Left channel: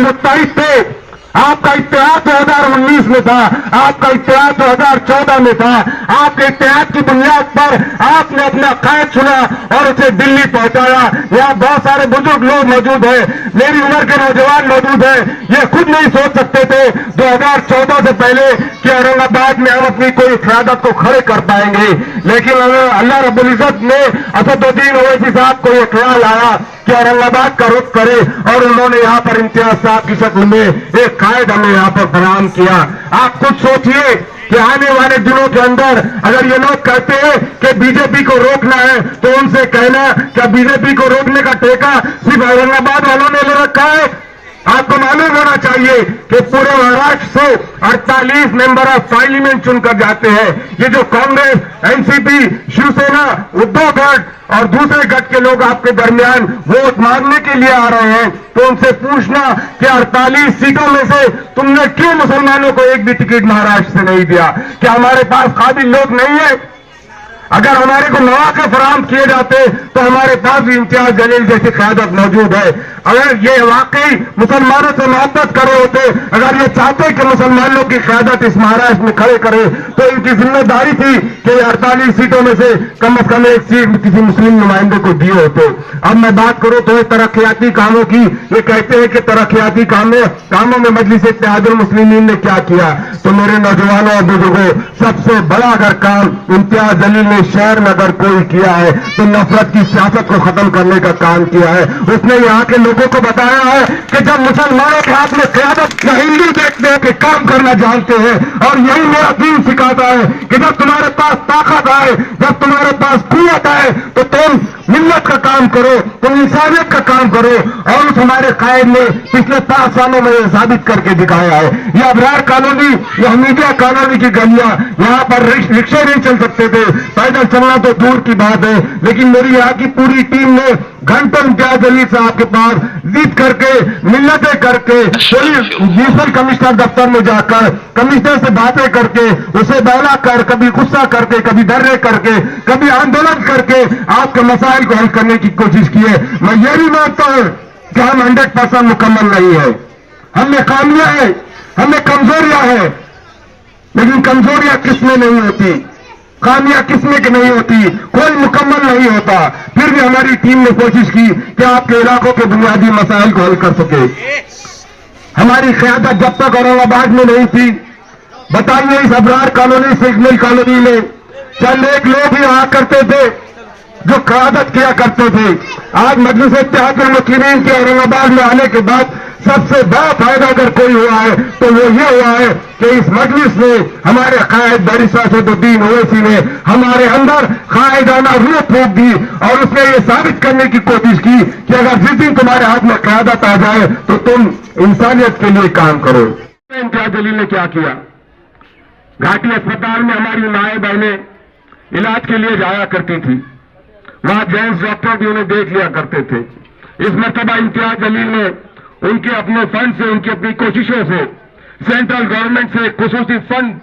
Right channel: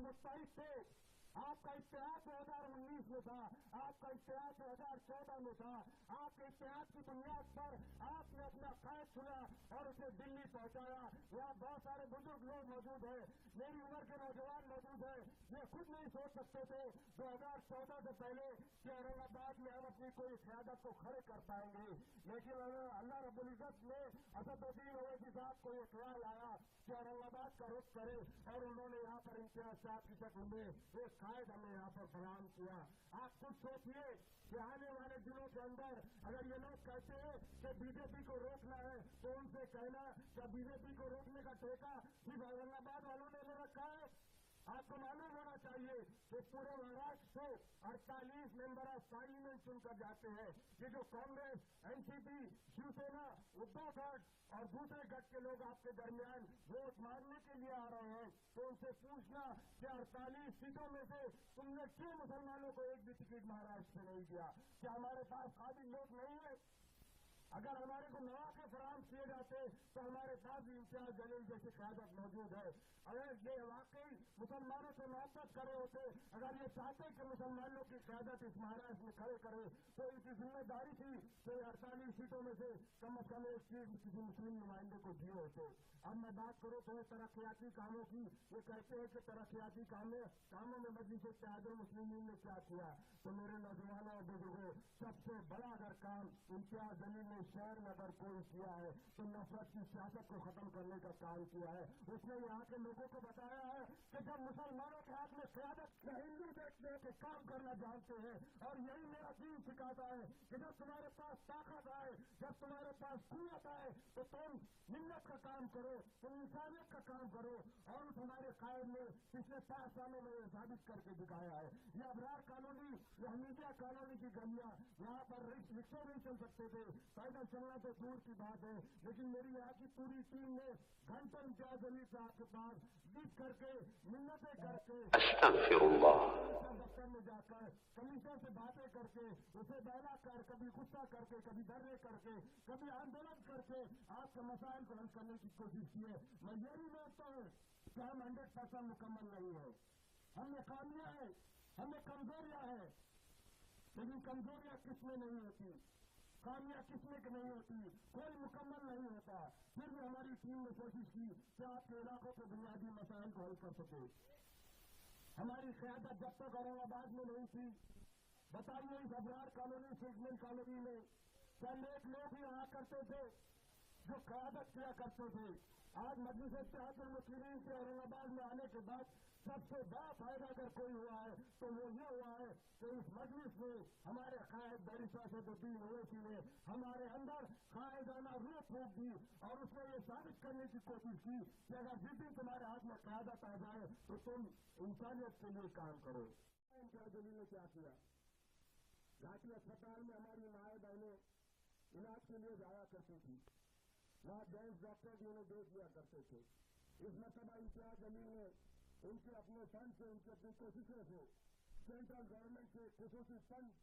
मुत्तहिद थे। आपका इत्तेहाद 2019 में था, आपका इत्तेहाद 2014 में था। आपके इत्तेहाद की बुनियाद पर आपने अपना कायद चुना और उसे दिल्ली पहुंचाया। यहाँ बहुत सारे बुजुर्ग लोग मौजूद हैं, मेरी उम्र के नौजवान मौजूद हैं। ये खुद नहीं सोच सकते थे 2014 से पहले कि औरंगाबाद में हम अपनी कोई क़यादत को खड़े कर पाएंगे, लेकिन अल्लाह रब्बुल इज्जत ने असदुद्दीन ओवैसी साहब को ये ख्याल आया कि औरंगाबाद का रुख करे, और उन्होंने यहाँ पर इम्तियाज साहब की शक्ल में एक कायद हमें यहाँ पर फराहम किया। आप खुद सोचिए कि आने वाले दिनों के अंदर अगर ये लोग कहते हैं कि बीजेपी को रोकना है, तो उनसे कहना क्या बीजेपी को रोकने का ठेका सिर्फ औरंगाबाद वालों ने ले रखा है? आपको मालूम होना चाहिए कि पूरे महाराष्ट्र से 48 मेंबर ऑफ पार्लियामेंट चुनकर जाते हैं। ये जो कांग्रेस, एनसीपी, शिवसेना, उद्धव गठ और दूसरे गठ के लोग आपके दरमियान वोट मांगने के लिए आ रहे हैं, तो उनसे पूछना कि 48 सीटों में से तुमने क्यों मुसलमानों को एक भी टिकट महाराष्ट्र से नहीं दिया? क्या हमारे पास काबिल लोग नहीं है? अगर हमारे को मौके फराहम किए जाते तो हमारे पास भी इम्तियाज जलील जैसी क़यादत मौजूद है। अगर ये वाकई मुसलमानों से मोहब्बत करे होते, अगर ये चाहते कि मुसलमानों की क़यादत इस महाराष्ट्र में खड़े करे, तो इनकी जिम्मेदारी थी कि 48 सीटों में से कम एक सीट किसी मुस्लिम नुमाइंदे को दिए होते। अब मैं बात करूं तो तरक्याती कामों की, ये कहते हैं कि तरक्याती कामों में मजलिस इत्तेहादुल मुस्लिमीन ने क्या किया। तो मेरे नौजवानों और बुजुर्गों, सबसे बड़ा अगर काम इम्तियाज जलील ने शहर में अगर कोई किया है तो नफरत की सियासत को खत्म करने का काम किया है। उसने यहाँ के लोगों को बताया है कि जब मुसलमानों के हाथ में क़यादत, हिंदू देखते हैं कि काम करना जानते हैं, और यही मेरा दीन सिखाता है कि जब तुम्हारे पास ताकत आए, जब तुम्हारे पास कुव्वत आए, तो तुम मिल्लत का काम करो, तुम इंसानियत का काम करो। और उस हमारे कायद ने पिछले 5 सालों में साबित करके दिखाया है। ये अबरार कॉलोनी, ये हमीदिया कॉलोनी की गलियां, यहाँ पर रिक्शे नहीं चल सकते थे, पैदल चलना तो दूर की बात है। लेकिन मेरी यहाँ की पूरी टीम ने घंटों इम्तियाज जलील साहब के पास जिद करके, मिन्नतें करके, म्यूनिसिपल कमिश्नर दफ्तर में जाकर कमिश्नर से बातें करके, उसे बहला कर, कभी गुस्सा करके, कभी डरे करके, कभी आंदोलन करके आपके मसाइल को हल करने की कोशिश की है। मैं ये भी मानता हूं कि हम 100% मुकम्मल नहीं है, हमें खामियां हैं, हमें कमजोरियां हैं, लेकिन कमजोरियां किसमें नहीं होती, खामियां किसमें की नहीं होती, कोई मुकम्मल नहीं होता। फिर भी हमारी टीम ने कोशिश की कि आपके इलाकों के बुनियादी मसाइल को हल कर सके। हमारी क़यादत जब तक औरंगाबाद में नहीं थी, बताइए इस अबरार कॉलोनी, सिग्नल कॉलोनी में चंद एक लोग ही आया करते थे जो क़यादत किया करते थे। आज मजलिस इत्तेहादुल मुस्लिमीन के औरंगाबाद में आने के बाद सबसे बड़ा फायदा अगर कोई हुआ है तो वो ये हुआ है कि इस मजलिस ने, हमारे कायद बैरिस्टर असदुद्दीन ओवैसी ने हमारे अंदर कायदाना रूह फूंक दी, और उसने ये साबित करने की कोशिश की कि अगर जिस दिन तुम्हारे हाथ में क़यादत आ जाए तो तुम इंसानियत के लिए काम करो। इम्तियाज जलील ने क्या किया? घाटी अस्पताल में हमारी माएँ बहनें इलाज के लिए जाया करती थी, वहां जेंट्स डॉक्टर भी उन्हें देख लिया करते थे। इस मर्तबा इम्तियाज जलील ने उनके अपने फंड से, उनकी अपनी कोशिशों से, सेंट्रल गवर्नमेंट से खुसूसी फंड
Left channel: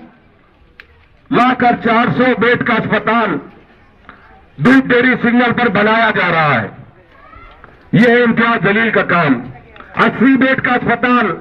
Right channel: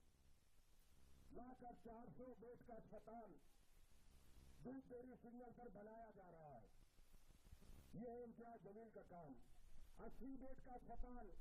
लाकर 400 बेड का अस्पताल दूध डेयरी सिग्नल पर बनाया जा रहा है। यह है इम्तियाज जलील का काम। 80 बेड का अस्पताल